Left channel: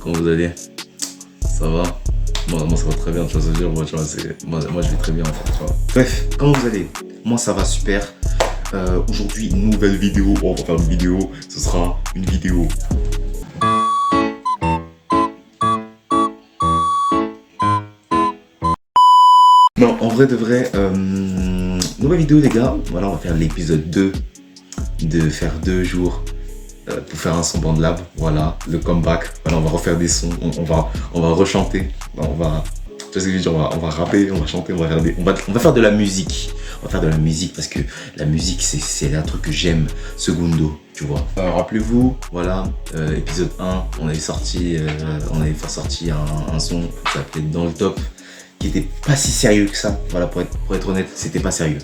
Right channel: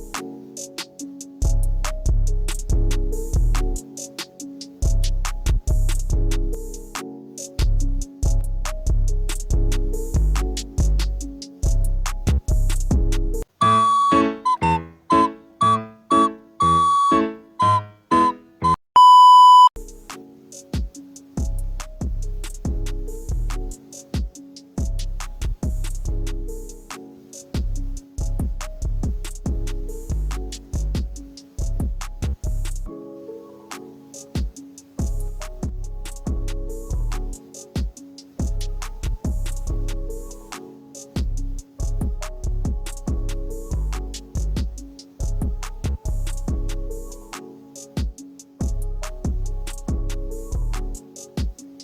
Comment vous allez? Ça va? Moi ça va très bien, tu vois, ça veut dire, moi, tu vois, moi je vais très bien en fait, tu vois. Bref, comment vous allez? Moi ça va super. Aujourd'hui, nouvelle vidéo, on va faire une vidéo, ce sera une vidéo. Non, en vrai de vrai, nouvelle vidéo les gars, voilà, on va faire l'épisode 2 de faire 2 jours pour faire un son BandLab, voilà, le comeback, voilà, on va refaire des sons, on va rechanter, tu vois ce que je veux dire, on va rapper, on va chanter, on va faire de la musique, parce que la musique c'est un truc que j'aime, secondo, tu vois. Rappelez-vous, voilà, épisode 1, on avait fait sortir un son qui s'appelait Dans le Top, qui était pas si sérieux que ça, voilà, pour être honnête, c'était pas sérieux,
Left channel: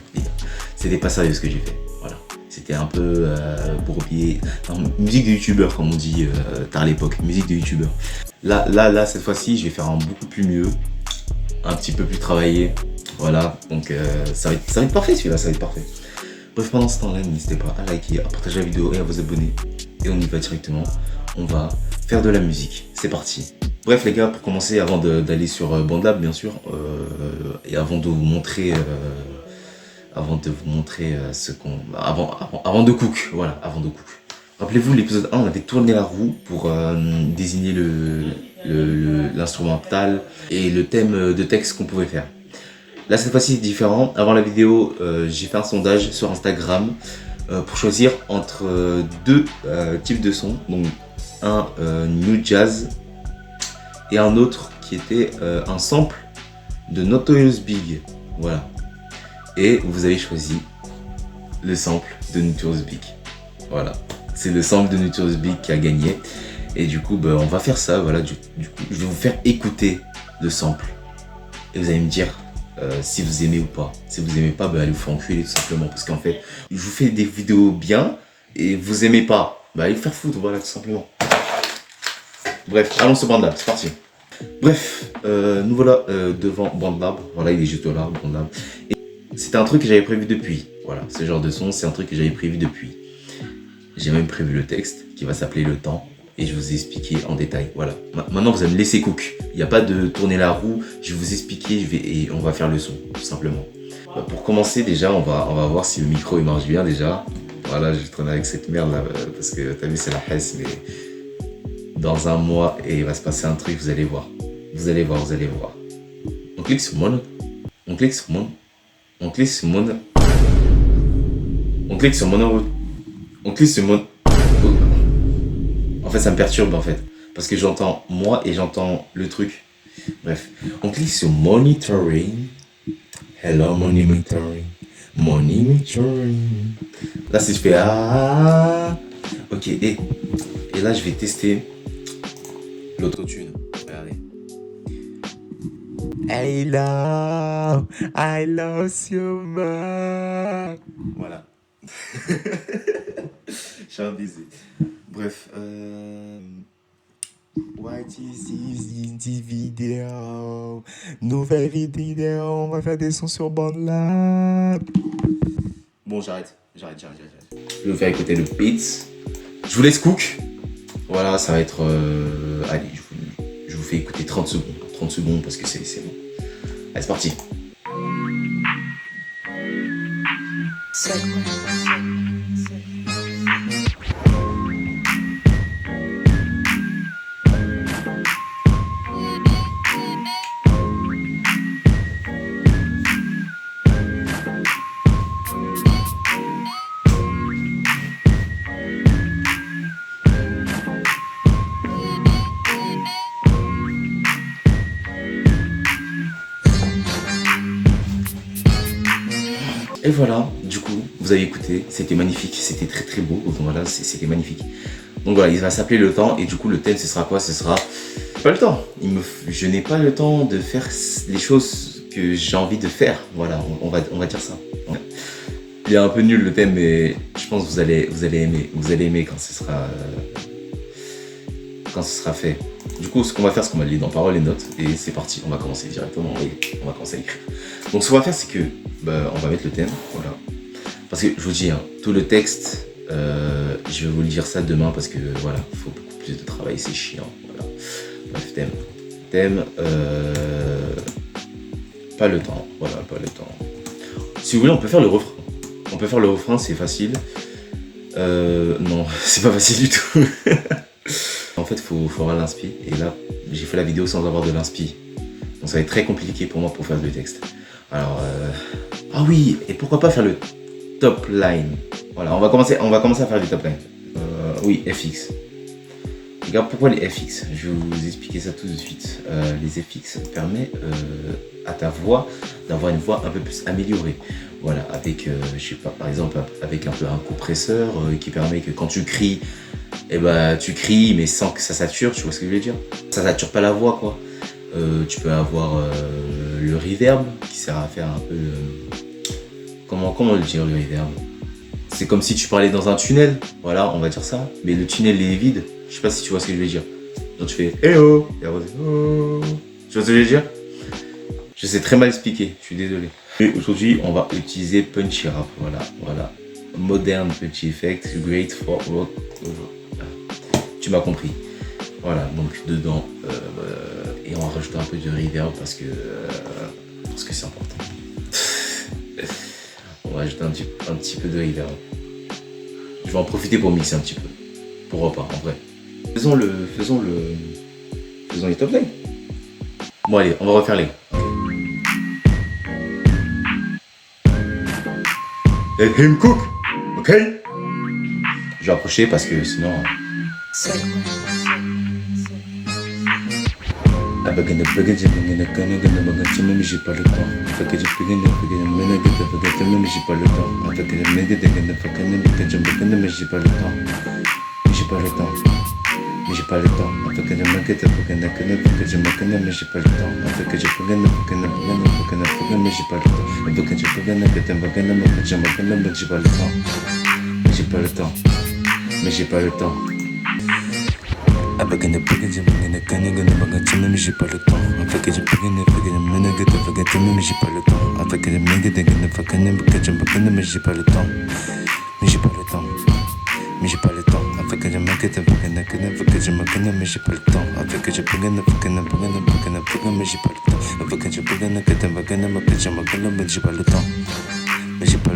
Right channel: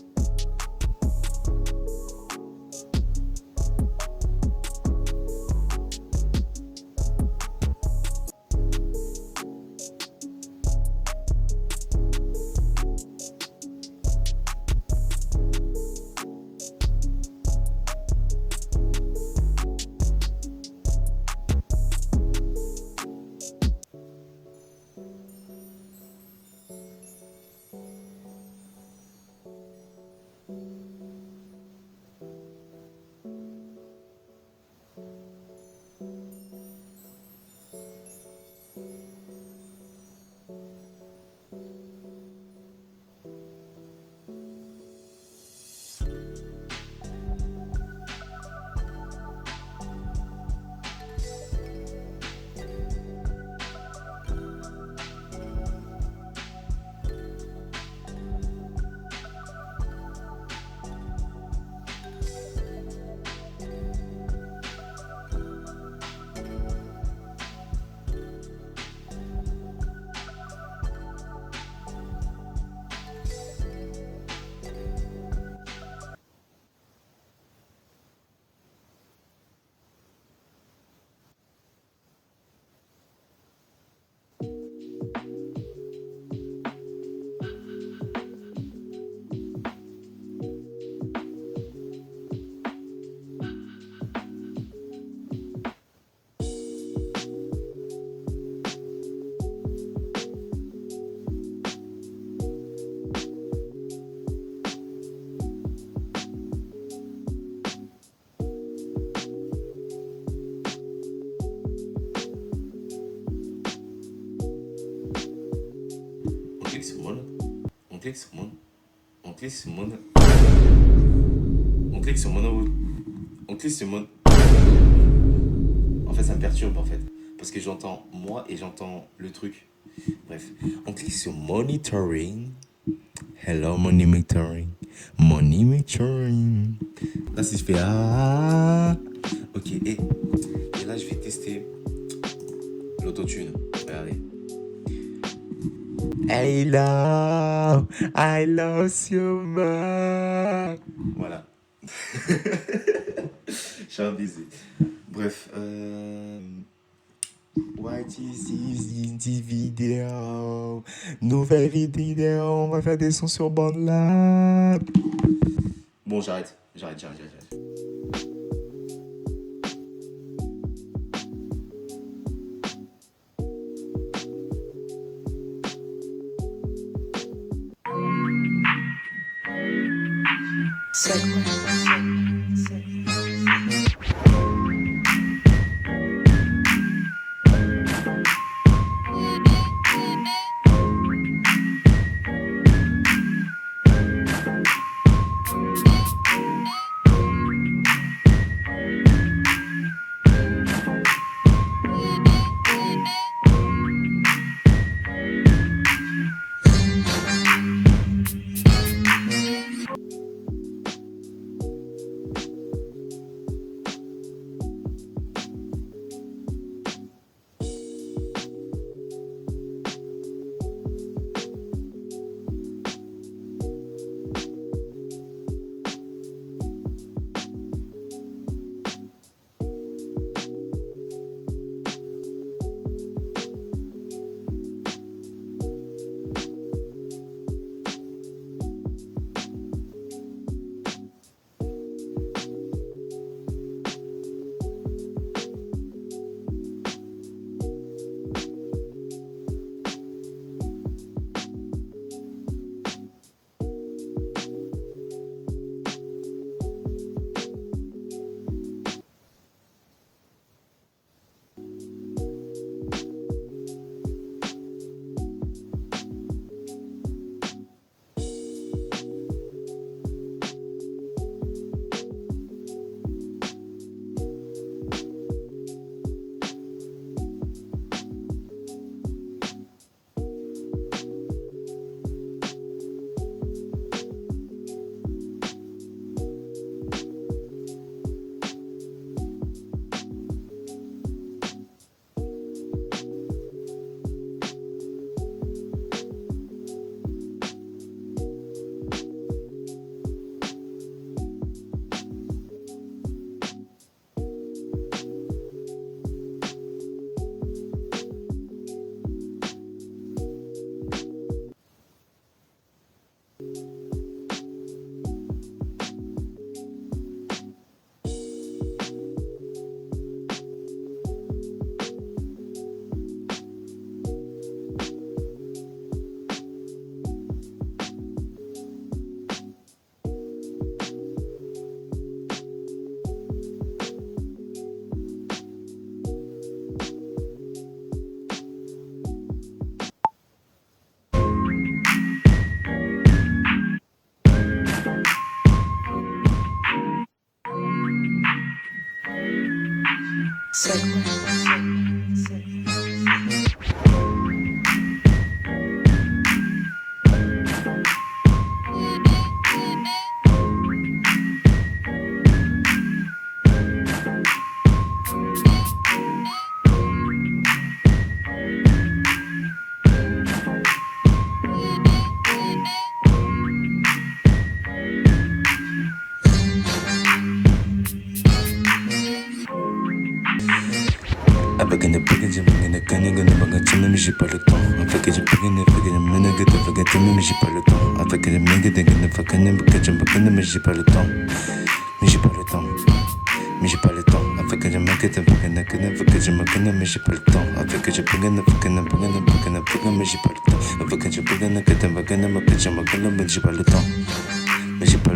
c'était pas sérieux ce que j'ai fait, voilà. C'était un peu pour oublier, musique de youtubeur comme on dit tard à l'époque, musique de youtubeur. Là, cette fois-ci, je vais faire un beaucoup plus mieux, un petit peu plus travaillé, voilà, donc ça va être parfait celui-là, ça va être parfait. Bref, pendant ce temps-là, n'hésitez pas à liker, à partager la vidéo et à vous abonner. Et on y va directement, on va faire de la musique, c'est parti. Bref les gars, pour commencer, avant d'aller sur BandLab bien sûr, et avant de vous montrer ce qu'on... Avant de cook, voilà, avant de cook. Rappelez-vous, l'épisode 1, on avait tourné la roue pour désigner l'instrumental et le thème de texte qu'on pouvait faire. Là, cette fois-ci, c'est différent. Avant la vidéo, j'ai fait un sondage sur Instagram pour choisir entre deux types de sons. Donc, un new jazz et un autre qui était un sample de Notorious Big. Voilà. Et vous avez choisi le sample de Notorious Big. Voilà. C'est le sample de Notorious Big qui a gagné. Et du coup, on va faire ça. Voilà. Du coup, je vais vous faire écouter le sample. Et vous allez me dire si vous aimez ou pas. Si vous aimez pas, allez vous faire enculer tout simplement. Parce qu'en fait, je vous fais des vidéos bien et vous aimez pas, allez vous faire foutre. Voilà, tout simplement. Bref, allons sur BandLab. C'est parti. Bref, nous voilà devant BandLab. Voilà, il est juste là, BandLab. C'était un truc que j'avais prévu depuis. Voilà, ce genre de son, c'est un truc que j'avais prévu depuis. J'ai même prévu le texte qui va s'appeler Le Temps. Et je vais vous expliquer en détail. Voilà. Maintenant, vous allez me laisser cook. Il n'y a pas de tourner la roue. Je vais vous expliquer et on va faire le son, tout simplement. Pour commencer, déjà, on va voir si le micro il marche bien déjà. Voilà, je vais tourner avec cette merde là parce que t'as vu, c'est la hesse, mais dans un mois, et il va se passer un truc, vous allez voir. Vous allez voir. On clique sur mon. On clique sur mon. On clique sur mon. On clique sur mon. On clique sur mon. En fait, ça me perturbe en fait. Parce que j'entends moi et j'entends le truc. Bref. On clique sur monitoring. Hello, monitoring. Monitoring. Là, si je fais ah. Ok, et là, je vais tester l'autotune. Regardez. I love you, man. Voilà. Je suis un baiser. Bref, what is this vidéo? Nouvelle vidéo, on va faire des sons sur BandLab. Bon, j'arrête. Je vais vous faire écouter le beat. Je vous laisse cook. Voilà, ça va être... allez, je vous fais écouter 30 secondes. 30 secondes parce que c'est bon. Allez, c'est parti. Et voilà, du coup, vous avez écouté, c'était magnifique, c'était très très beau, donc voilà, c'était magnifique. Donc voilà, il va s'appeler Le Temps, et du coup le thème ce sera quoi? Ce sera pas le temps. Je n'ai pas le temps de faire les choses que j'ai envie de faire, voilà, on va dire ça. Il est un peu nul le thème, mais je pense que vous allez aimer quand ce sera fait. Du coup, ce qu'on va faire, c'est qu'on va lire dans paroles et notes, et c'est parti, on va commencer directement, on va commencer à écrire. Donc ce qu'on va faire, c'est que on va mettre le thème, voilà. Parce que je vous dis, tout le texte, je vais vous le dire ça demain parce que voilà, il faut beaucoup plus de travail, c'est chiant. voilà. Bref, thème, pas le temps, voilà, pas le temps. Si vous voulez, on peut faire le refrain. On peut faire le refrain, c'est facile. Non, c'est pas facile du tout. En fait, faut avoir l'inspi. Et là, j'ai fait la vidéo sans avoir de l'inspi. Donc ça va être très compliqué pour moi pour faire le texte. Alors, ah oui, et pourquoi pas faire le top line. Voilà, on va commencer à faire du top line. Oui, FX. Regarde pourquoi les FX. Je vais vous expliquer ça tout de suite. Les FX permettent à ta voix d'avoir une voix un peu plus améliorée. Voilà, avec, je sais pas, par exemple, avec un peu un compresseur qui permet que quand tu cries, eh ben, tu cries mais sans que ça sature, tu vois ce que je veux dire? Ça sature pas la voix, quoi. Tu peux avoir le reverb qui sert à faire un peu le... Comment le dire, le reverb? C'est comme si tu parlais dans un tunnel, voilà, on va dire ça. Mais le tunnel est vide, je sais pas si tu vois ce que je veux dire. Donc tu fais « Eh oh !» et après « Oh !» Tu vois ce que je veux dire? Je sais très mal expliquer, je suis désolé. Et aujourd'hui, on va utiliser Punchy Rap, voilà. Modern Punchy Effect, great for rock. Tu m'as compris. Voilà, donc dedans, et on va rajouter un peu de reverb parce que c'est important. On va ajouter un petit peu de reverb. Je vais en profiter pour mixer un petit peu. Pourquoi pas, en vrai. Faisons les top lines. Bon allez, on va refaire les. Let him cook, ok? Je vais approcher parce que sinon... La baguette de baguette, j'ai pas le temps. Mais j'ai pas le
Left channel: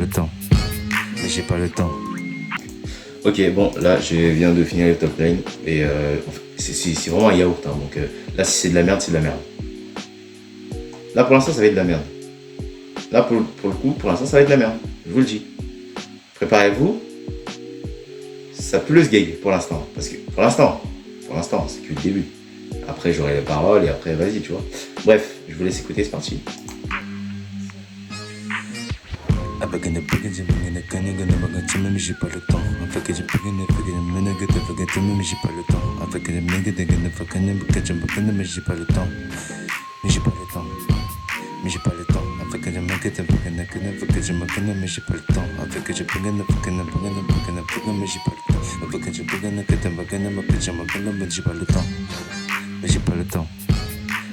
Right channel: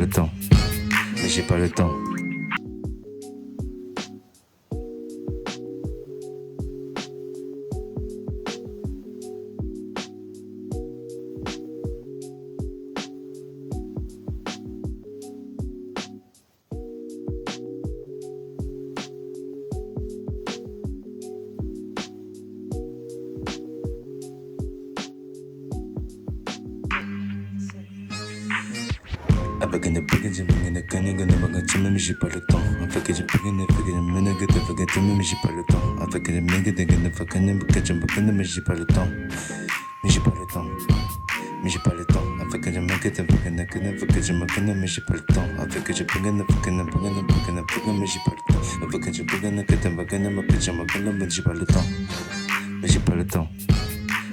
temps. Mais j'ai pas le temps. Ok, bon, là, je viens de finir le top line. Et c'est vraiment un yaourt. Hein, donc là, si c'est de la merde, c'est de la merde. Là, pour l'instant, ça va être de la merde. Là, pour le coup, pour l'instant, ça va être de la merde. Je vous le dis. Préparez-vous. Ça peut le sgeg pour l'instant. Parce que pour l'instant, c'est que le début. Après, j'aurai les paroles et après, vas-y, tu vois. Bref, je vous laisse écouter, c'est parti. J'ai pas le temps.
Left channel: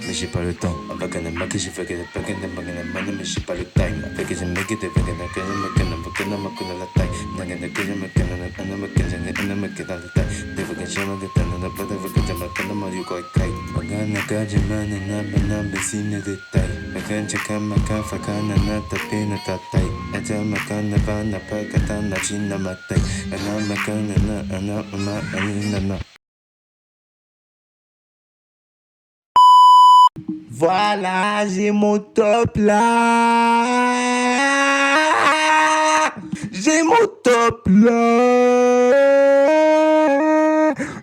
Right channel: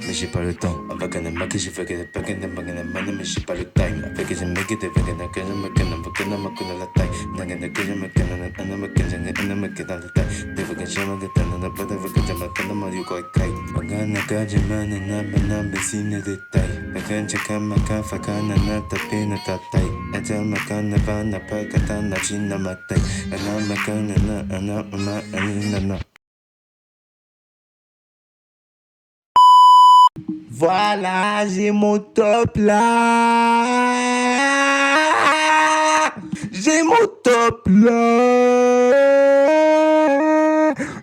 Mais j'ai pas le temps. Avec un mec, j'ai fait que des paquets de baguettes de money, mais j'ai pas le time. Avec un mec, j'ai fait que des paquets de baguettes de money, mais la taille. N'a qu'un de que je me connais, un mec, j'ai un mec dans la taille. Des fois que j'ai ma gueule, dans la boîte, avec un jama, quand on m'a dit quoi, kai. Bagana, kajiman, na besine de taille. Bagan, chakama, kafakana, na tapina, tatai. Ajama, kana, vana, pakatana, china, matai. Anama, kana, anama, anina. Voilà, j'ai mon top là. J'ai mon top là.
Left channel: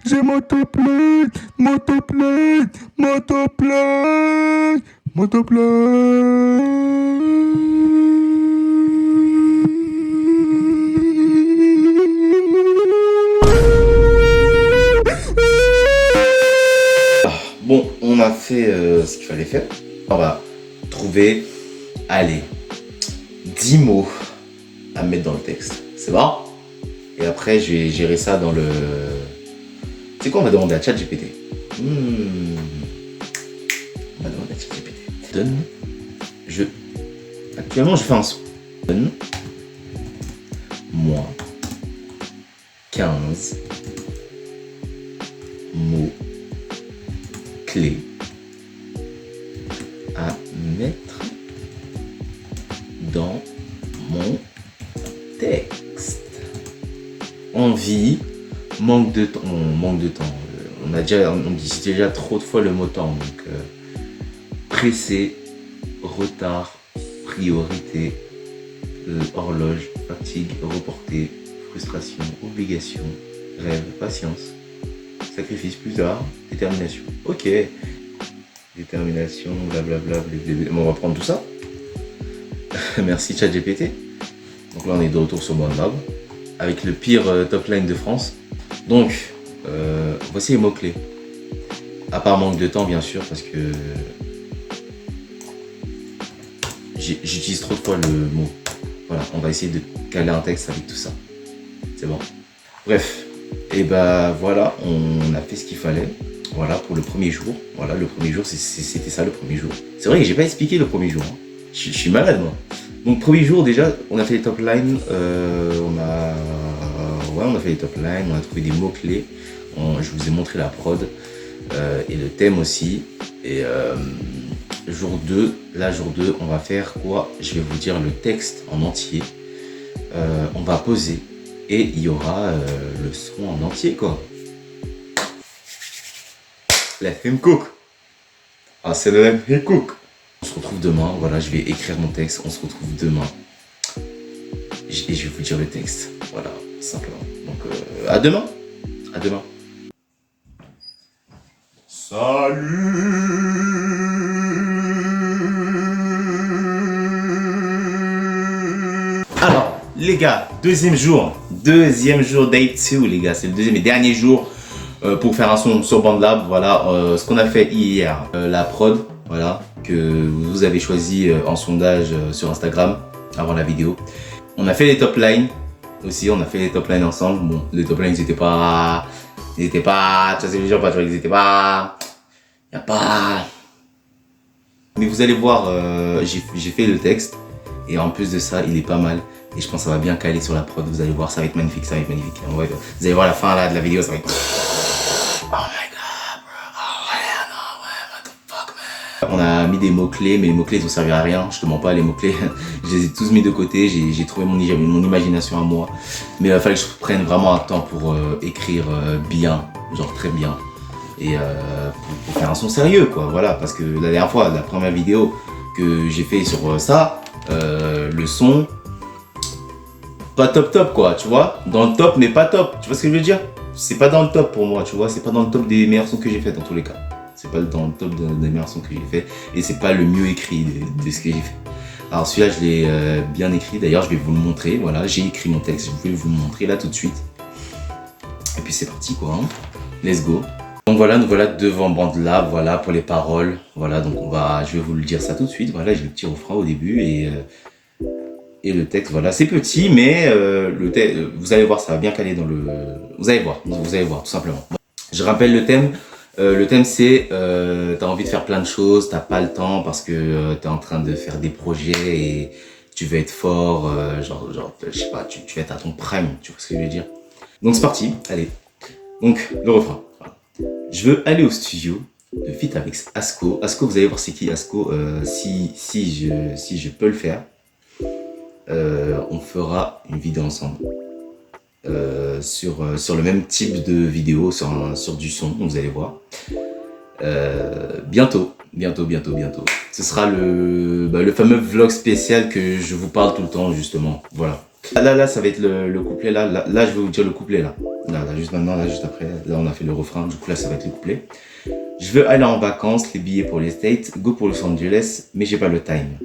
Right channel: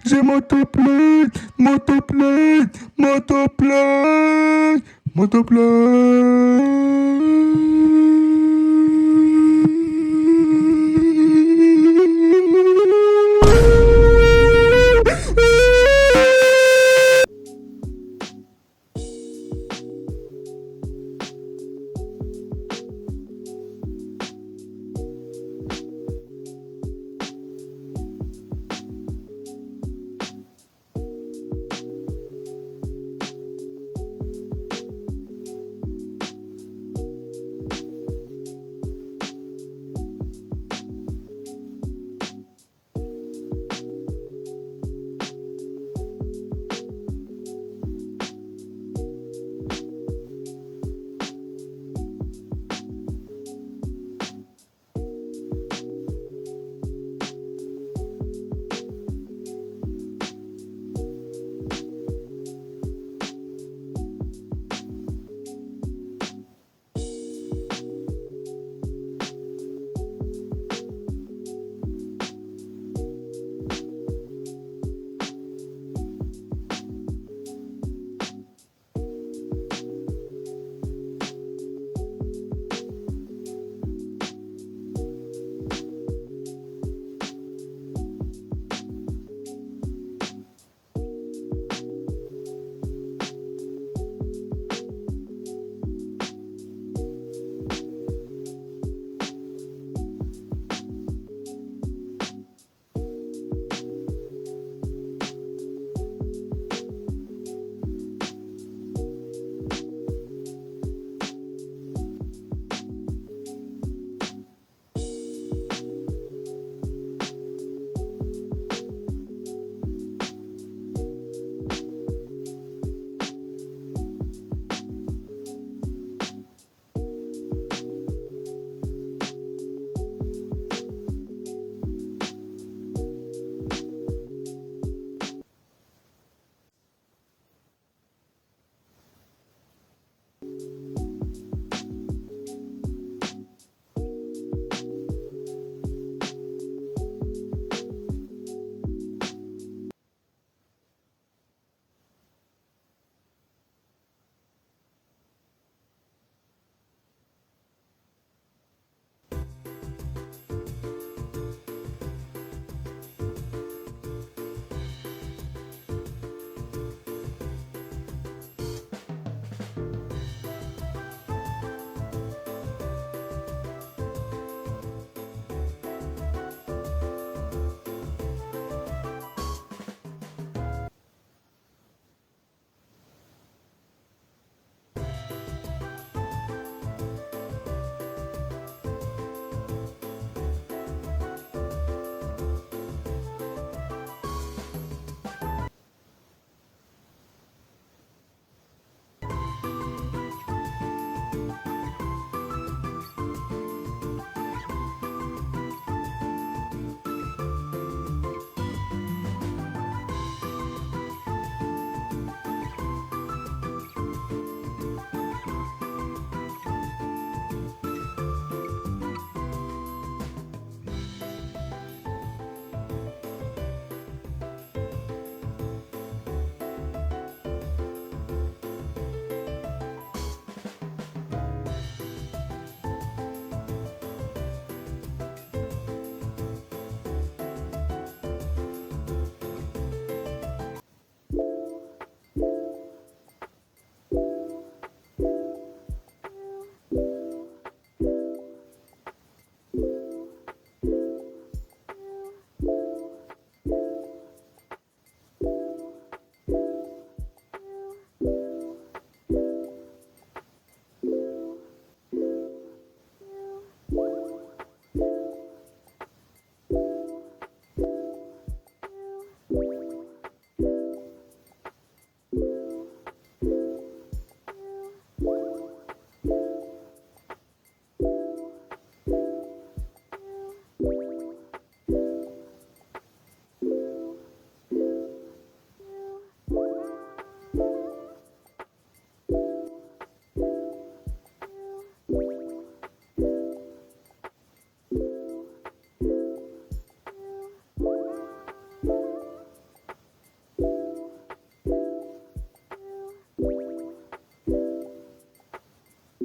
J'ai mon top là. Mon top là. Mon top là. Mon top là. Bon, on a fait ce qu'il fallait faire. On va trouver, allez, 10 mots à mettre dans le texte. C'est bon? Et après, je vais gérer ça dans le... C'est quoi, on va demander à ChatGPT. On va demander à ChatGPT. Actuellement, je fais un son. Donne-moi 15 mots mots-clés à mettre dans mon texte. Envie, manque de temps. On dit déjà trop de fois le mot temps. Donc, pressé, retard, priorité, horloge, fatigue, reporté, frustration, obligation, rêve, patience, sacrifice plus tard, détermination. Ok. Détermination, blablabla, on va prendre tout ça. Merci ChatGPT. Donc là on est de retour sur OneLab avec le pire top line de France. Donc voici les mots-clés. À part manque de temps bien sûr parce que j'utilise trop de fois le mot. Voilà, on va essayer de caler un texte avec tout ça. C'est bon. Bref, et bah voilà, on a fait ce qu'il fallait. Voilà pour le premier jour. Voilà, le premier jour, c'était ça le premier jour. C'est vrai que j'ai pas expliqué le premier jour. Hein. Je suis malade moi. Donc premier jour déjà, on a fait les top lines. On a fait les top lines, on a trouvé des mots-clés. Je vous ai montré la prod et le thème aussi. Et jour 2, on va faire quoi? Je vais vous dire le texte en entier. On va poser et il y aura le son en entier quoi. Let him cook. Ah, c'est le let him cook. On se retrouve demain. Voilà, je vais écrire mon texte. On se retrouve demain. Et je vais vous dire le texte. Voilà, simplement. Donc, à demain. À demain. Salut. Alors, les gars, deuxième jour day 2, les gars. C'est le deuxième et dernier jour. Pour faire un son sur BandLab, voilà ce qu'on a fait hier, la prod, voilà, que vous avez choisi en sondage sur Instagram avant la vidéo. On a fait les top lines aussi, on a fait les top lines ensemble. Bon, les top lines ils étaient pas, tu sais, les gens, ils étaient pas, y a pas. Mais vous allez voir, j'ai fait le texte et en plus de ça, il est pas mal. Et je pense que ça va bien caler sur la prod, vous allez voir, ça va être magnifique, ça va être magnifique. Vous allez voir la fin là, de la vidéo, ça va être... Oh my god, bro. Oh yeah, no, what the fuck, man. On a mis des mots-clés, mais les mots-clés ils ont servi à rien. Je te mens pas, les mots-clés, je les ai tous mis de côté. J'ai trouvé mon imagination à moi. Mais il fallait que je prenne vraiment un temps pour écrire bien, genre très bien. Et pour faire un son sérieux, quoi. Voilà, parce que la dernière fois, la première vidéo que j'ai fait sur ça, le son, pas top quoi, tu vois. Dans le top, mais pas top. Tu vois ce que je veux dire? C'est pas dans le top pour moi, tu vois. C'est pas dans le top des meilleurs sons que j'ai fait dans tous les cas. C'est pas dans le top des meilleurs sons que j'ai fait. Et c'est pas le mieux écrit de ce que j'ai fait. Alors celui-là, je l'ai bien écrit. D'ailleurs, je vais vous le montrer. Voilà, j'ai écrit mon texte. Je vais vous le montrer là tout de suite. Et puis c'est parti quoi. Hein. Let's go. Donc voilà, nous voilà devant BandLab. Voilà pour les paroles. Voilà, donc je vais vous le dire ça tout de suite. Voilà, j'ai le petit refrain au début et le texte, voilà, c'est petit, mais vous allez voir, ça va bien caler dans le... Vous allez voir, tout simplement. Je rappelle le thème. Le thème, c'est t'as envie de faire plein de choses, t'as pas le temps parce que t'es en train de faire des projets et tu veux être fort, genre je sais pas, tu vas être à ton prime, tu vois ce que je veux dire. Donc c'est parti, allez. Donc, le refrain. Voilà. Je veux aller au studio de feat avec Asco. Asco, vous allez voir c'est qui Asco, si je peux le faire. On fera une vidéo ensemble sur le même type de vidéo, sur du son, vous allez voir. Bientôt. Ce sera le fameux vlog spécial que je vous parle tout le temps, justement. Voilà. Là, ça va être le couplet. Là, je vais vous dire le couplet, là. Là, juste maintenant, là, juste après. Là, on a fait le refrain. Du coup, là, ça va être le couplet. Je veux aller en vacances, les billets pour les States, go pour Los Angeles, mais j'ai pas le time.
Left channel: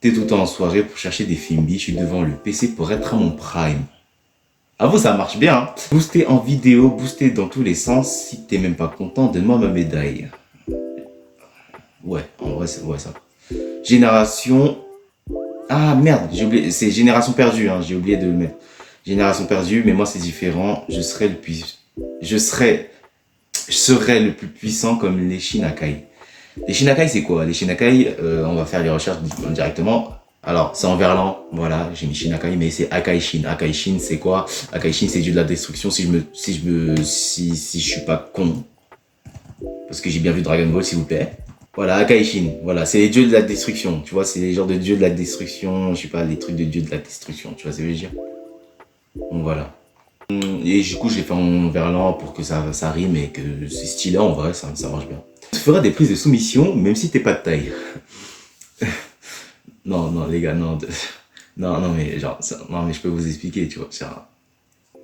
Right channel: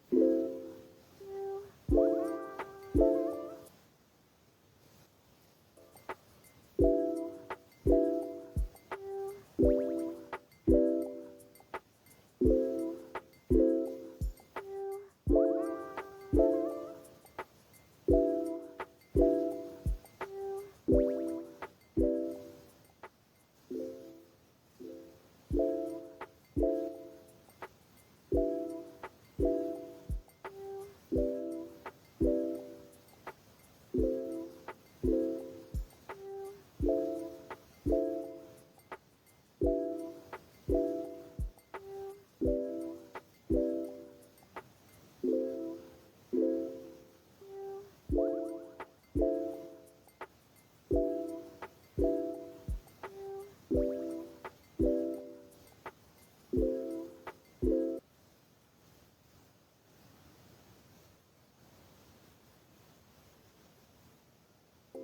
T'es tout le temps en soirée pour chercher des films, je suis devant le PC pour être à mon prime. À vous, ça marche bien. Hein. Booster en vidéo, booster dans tous les sens. Si t'es même pas content, donne-moi ma médaille. Ouais, en vrai, c'est ça. Génération... Ah merde, j'ai oublié. C'est Génération perdue, hein. J'ai oublié de le mettre. Génération perdue, mais moi c'est différent. Je serai le plus puissant comme les Shinakai. Les Shinakai, c'est quoi? Les Shinakai, on va faire les recherches directement. Alors, c'est en verlan, voilà, j'ai mis Shinakai, mais c'est Akaishin. Akaishin, c'est quoi? Akaishin, c'est dieu de la destruction, si je suis pas con. parce que j'ai bien vu Dragon Ball, s'il vous plaît. Voilà, Akaishin, voilà, c'est les dieux de la destruction, tu vois, c'est les genres de dieux de la destruction, je sais pas, les trucs de dieux de la destruction, tu vois ce que je veux dire. Donc voilà. Et du coup, j'ai fait en verlan pour que ça rime et que c'est stylé, en vrai, ça marche bien. Tu feras des prises de soumission, même si t'es pas de taille. Non, les gars, non. Non, mais genre, non, mais je peux vous expliquer, tu vois.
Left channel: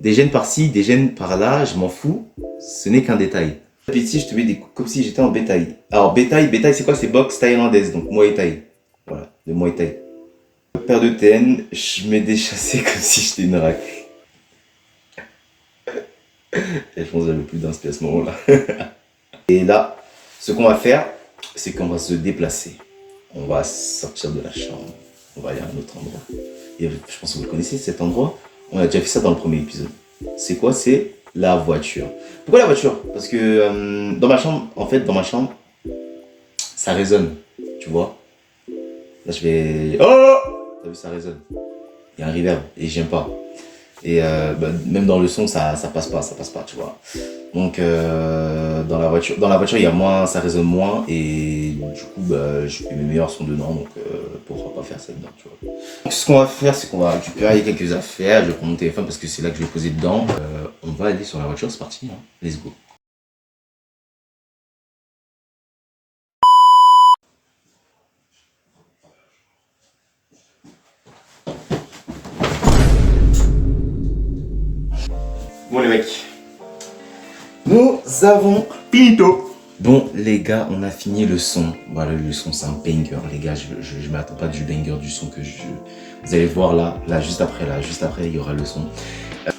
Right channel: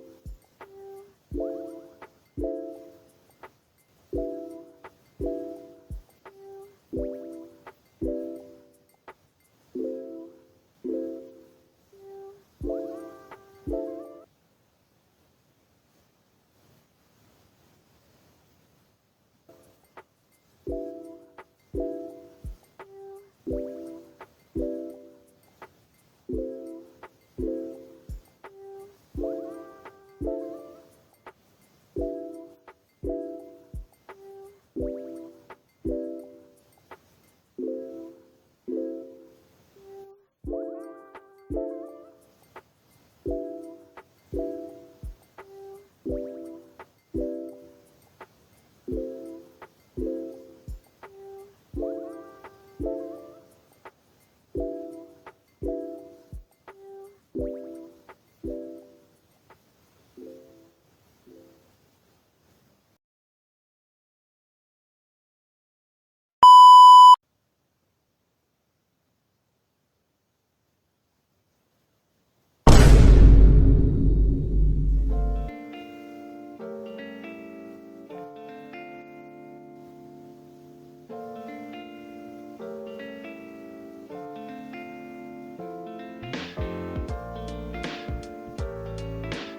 Des gènes par-ci, des gènes par-là, je m'en fous, ce n'est qu'un détail. Et ici, je te mets des coups comme si j'étais en bétail. Alors, bétail, c'est quoi? C'est boxe thaïlandaise, donc Muay Thai. Voilà, le Muay Thai. Paire de TN, je mets des chassés comme si j'étais une rack. Et je pense que j'avais plus d'inspi à ce moment-là. Et là, ce qu'on va faire, c'est qu'on va se déplacer. On va sortir de la chambre. On va aller à un autre endroit. Et je pense que vous le connaissez, cet endroit. On a déjà fait ça dans le premier épisode. C'est quoi? C'est la voiture. Pourquoi la voiture? Parce que dans ma chambre, en fait, ça résonne. Tu vois? Là, je vais... Oh! T'as vu, ça résonne. Il y a un reverb et j'aime pas. Et même dans le son, ça passe pas, tu vois. Donc dans la voiture, il y a moins, ça résonne moins et du coup, je fais mes meilleurs sons dedans, donc pourquoi pas faire ça dedans, tu vois. Donc, ce qu'on va faire, c'est qu'on va récupérer quelques affaires. Je vais prendre mon téléphone parce que c'est là que je vais poser dedans. On va aller sur la voiture, c'est parti, hein. Let's go. Bon les mecs, nous avons finito. Bon les gars, on a fini le son. Voilà, le son c'est un banger les gars. Je ne m'attends pas du banger du son que vous allez voir là juste après il y aura le son.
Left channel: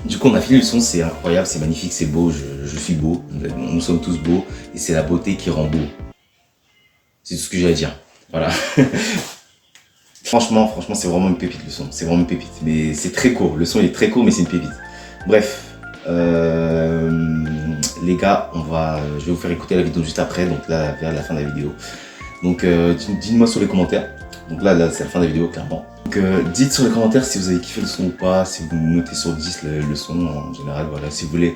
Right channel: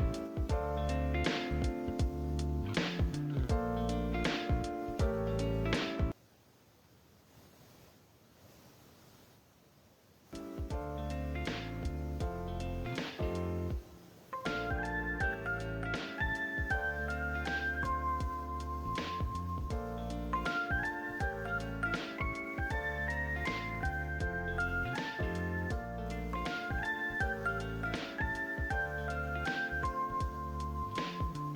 Du coup on a fini le son, c'est incroyable, c'est magnifique, c'est beau, je suis beau, nous sommes tous beaux et c'est la beauté qui rend beau. C'est tout ce que j'ai à dire, voilà. Franchement c'est vraiment une pépite le son, c'est vraiment une pépite. Mais c'est très court, le son il est très court mais c'est une pépite. Bref. Les gars, je vais vous faire écouter la vidéo juste après, donc là vers la fin de la vidéo. Donc dites-moi sur les commentaires. Donc là c'est la fin de la vidéo clairement. Donc dites sur les commentaires si vous avez kiffé le son ou pas, si vous notez sur 10 le son en général, voilà, si vous voulez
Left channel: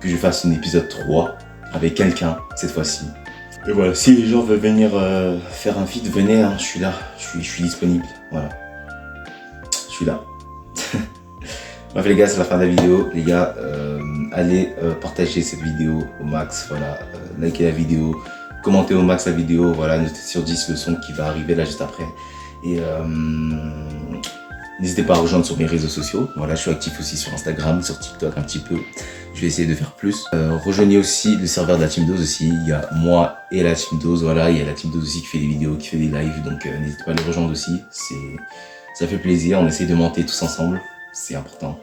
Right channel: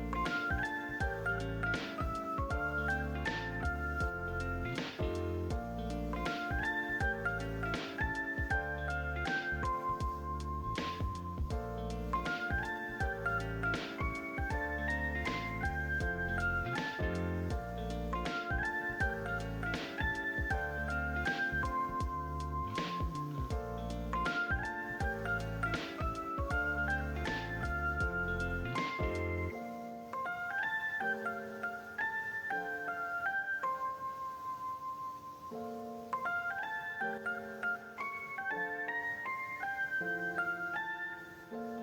que je fasse un épisode 3 avec quelqu'un cette fois-ci. Et voilà, si les gens veulent venir faire un feat, venez, hein, je suis là, je suis disponible, voilà. Je suis là. Bref les gars, c'est la fin de la vidéo. Les gars, allez partager cette vidéo au max, voilà, likez la vidéo, commentez au max la vidéo, voilà, notez sur 10 le son qui va arriver là juste après. Et n'hésitez pas à rejoindre sur mes réseaux sociaux. Voilà, je suis actif aussi sur Instagram, sur TikTok un petit peu. Je vais essayer de faire plus. Rejoignez aussi le serveur de la Team Dose aussi. Il y a moi et la Team Dose, voilà, il y a la Team Dose aussi qui fait des vidéos, qui fait des lives, donc n'hésitez pas à les rejoindre aussi. Ça fait plaisir, on essaie de monter tous ensemble. C'est important.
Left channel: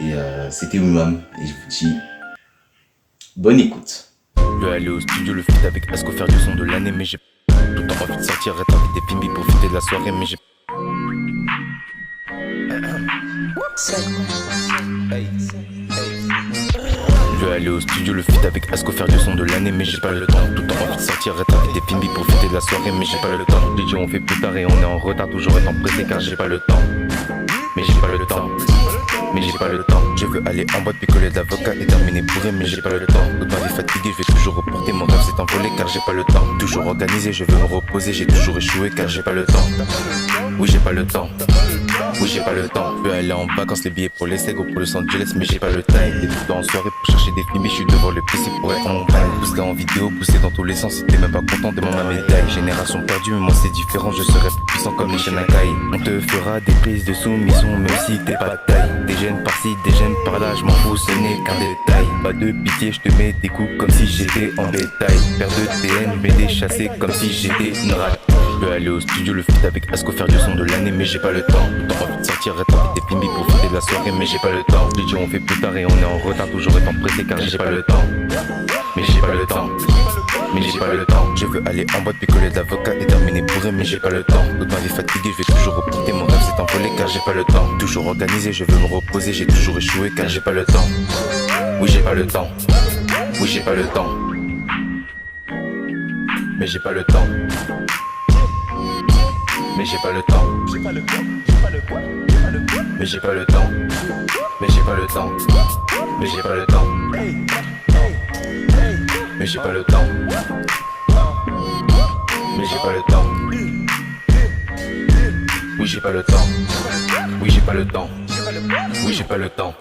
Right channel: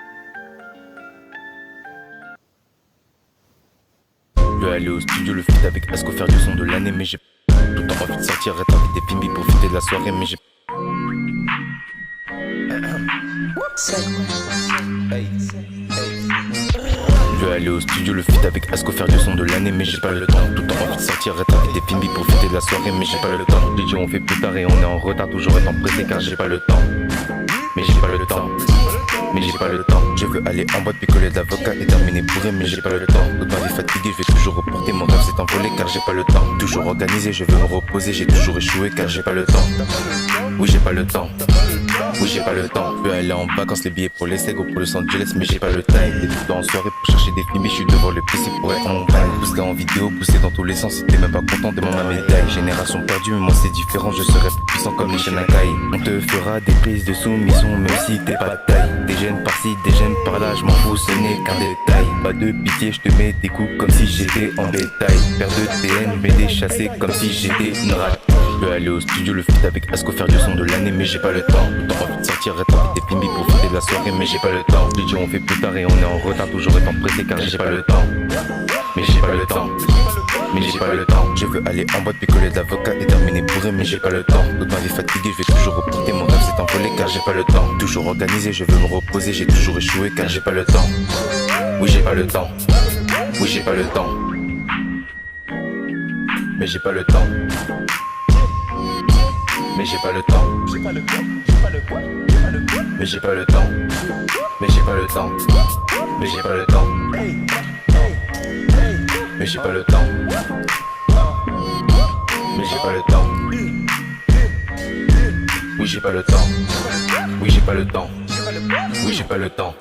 Et c'était Oumam et je vous dis bonne écoute. Je vais aller au studio le feat avec Asko faire du son de l'année, mais j'ai tout le temps envie de sortir être avec des films pour profiter de la soirée, mais j'ai Je vais aller au studio le feat avec Asko faire du son de l'année, mais j'ai pas le temps. Tout le temps envie de sortir être avec des films pour profiter de la soirée, mais j'ai pas le temps. Les gens on fait plus tard et on est en retard, toujours étant pressé car j'ai pas le temps. Mais j'ai pas le temps. Mais j'ai pas le temps. Je veux aller en boîte, picoler d'avocat et terminer bourré, mais j'ai pas le temps. Toute ma vie fatiguée, je vais toujours reporter. Mon rêve s'est envolé car j'ai pas le temps. Toujours organisé, je veux me reposer, j'ai toujours échoué car j'ai pas le temps. Oui, j'ai pas le temps. Oui, j'ai pas le temps. Je veux aller en vacances, les billets pour les Sego, pour Los Angeles, mais j'ai pas le time. Des tout le temps en soirée pour chercher des films, mais je suis devant le PC pour être en montagne. Pousser en vidéo, pousser dans tous les sens, si t'es même pas content, demande ma médaille. Génération perdue, mais moi c'est différent, je serai plus puissant comme les Shanghai. On te fera des prises de soumission, même si t'es pas de taille. Des gènes par-ci, des gènes par-là, je m'en fous, ce n'est qu'un détail. Pas de pitié, je te mets des coups comme si j'étais en bétail. Paire de TN, mais des chassés comme si j'étais une rate. Je veux aller au studio le feat avec Asko faire du son de l'année, mais j'ai pas le temps. Tout le temps envie de sortir, être avec des films pour profiter de la soirée, mais j'ai pas le temps. Les gens on fait plus tard et on est en retard, toujours étant pressé car j'ai pas le temps. Mais j'ai pas le temps. Mais j'ai pas le temps. Je veux aller en boîte, picoler d'avocat et terminer bourré, mais j'ai pas le temps. Toute ma vie fatiguée, je vais toujours reporter. Mon rêve s'est envolé car j'ai pas le temps. Toujours organisé, je veux me reposer, j'ai toujours échoué car j'ai pas le temps. Oui, j'ai pas le temps. Oui, j'ai pas le temps. Mais j'ai pas le temps. Mais j'ai pas le temps. Mais j'ai pas le temps. Mais j'ai pas le temps. Mais j'ai pas le temps. mais j'ai pas le temps. Mais j'ai pas le temps. Oui, j'ai pas le temps. Oui, j'ai pas le temps. Oui, j'ai pas le temps.